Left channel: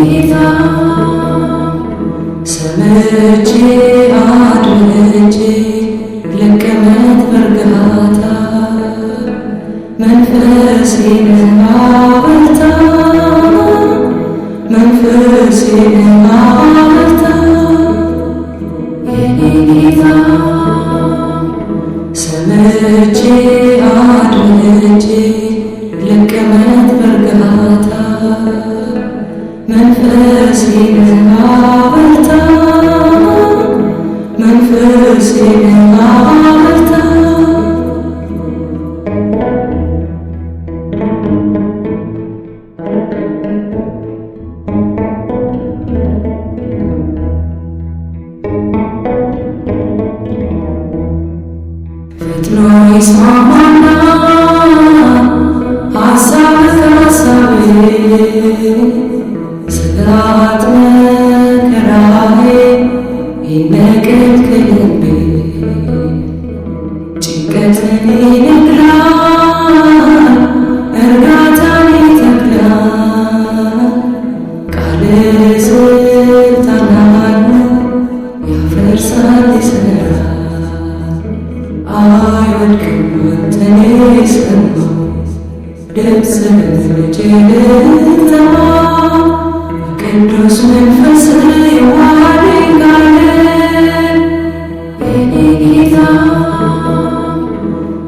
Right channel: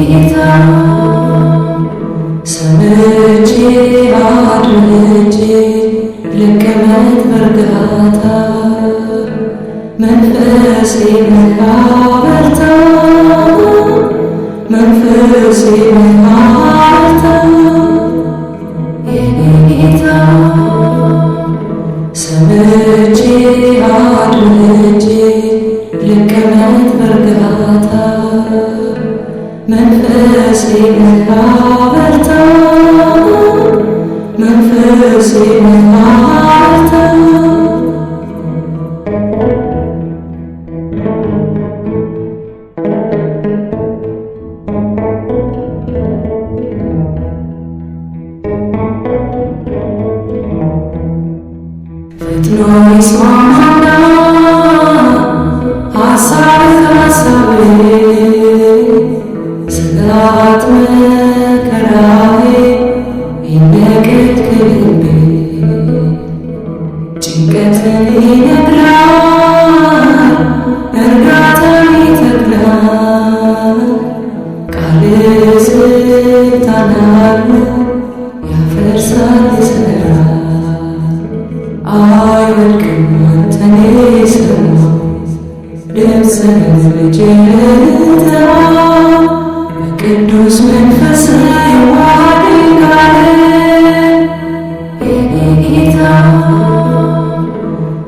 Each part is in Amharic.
ጌታ ሰምቼ አድምጬ ልቀመጥ በእርጋታ መንፈሴን አበርታ መንፈሴን አበርታ ጌታ ሰምቼ አድምጬ ልቀመጥ በእርጋታ መንፈሴን አበርታ መንፈሴን አበርታ ፈጥኖ ይስማማና ሐሳብ ከሐሳቤ ስጋት መከራዬ ይነቀል ከልቤ ጭንቀትን ይነቅላል እርጋታን ይተክላል ቃል ስልጣን አለው ያፈርሳል ይሠራል አይወድቅም አንተን የሰማው ድምፅህን ልትሰማ ቅዱስ መንፈስ ይዋሃደኝ ካለ የኔ ጌታ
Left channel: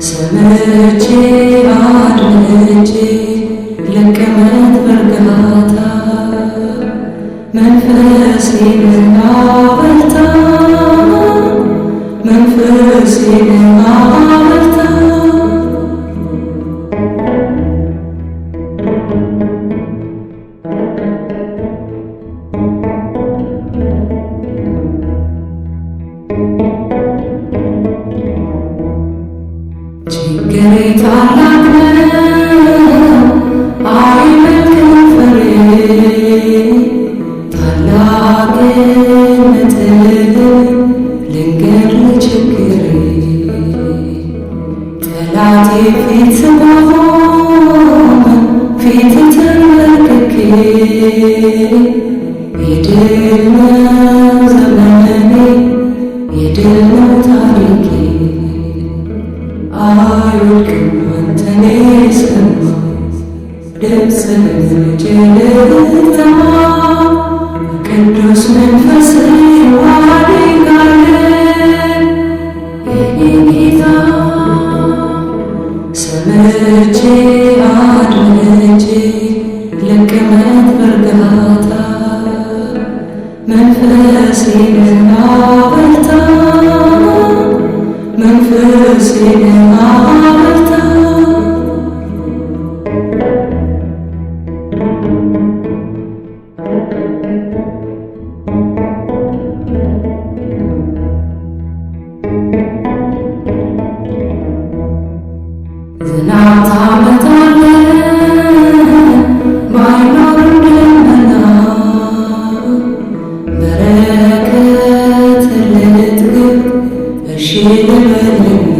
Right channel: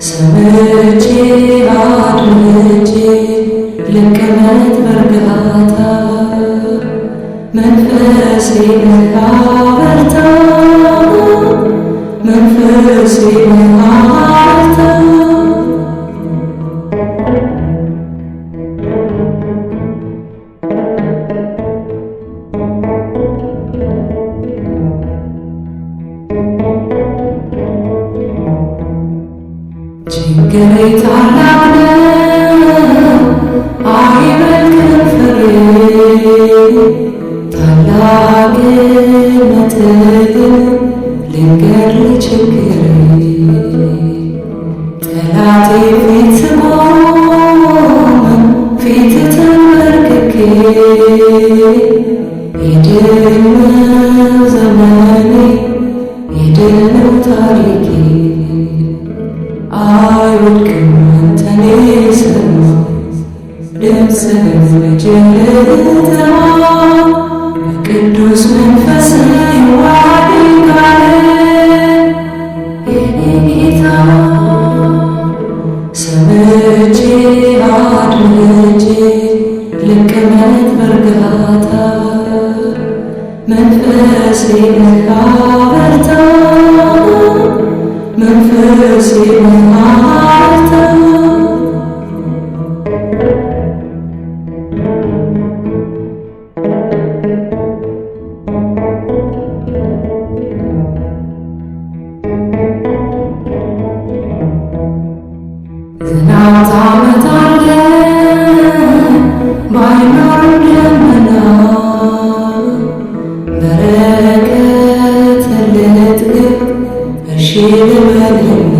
ሰምቼ አድምጬ ልቀመጥ በእርጋታ መንፈሴን አበርታ መንፈሴን አበርታ ችግሬ ታላቅ ነው አይመልክም ፍሬ ታላቅነትህን ልንገር ለችግሬ ጠላቴ ፊት ስቆም ፊት ተንበርክኬ የድል ነው ዘመኔ የድል ነው ታሪኬ አይወድቅም አንተን የሰማው ድምፅህን ልትሰማ ቅዱስ መንፈስ ይዋሃደኝ ካለ የኔ ጌታ ሰምቼ አድምጬ ልቀመጥ በእርጋታ መንፈሴን አበርታ መንፈሴን አበርታ ዝናብ ታመጣለህ ባይኖርም ደመና በረከት ልትግብ እሺ ልበልና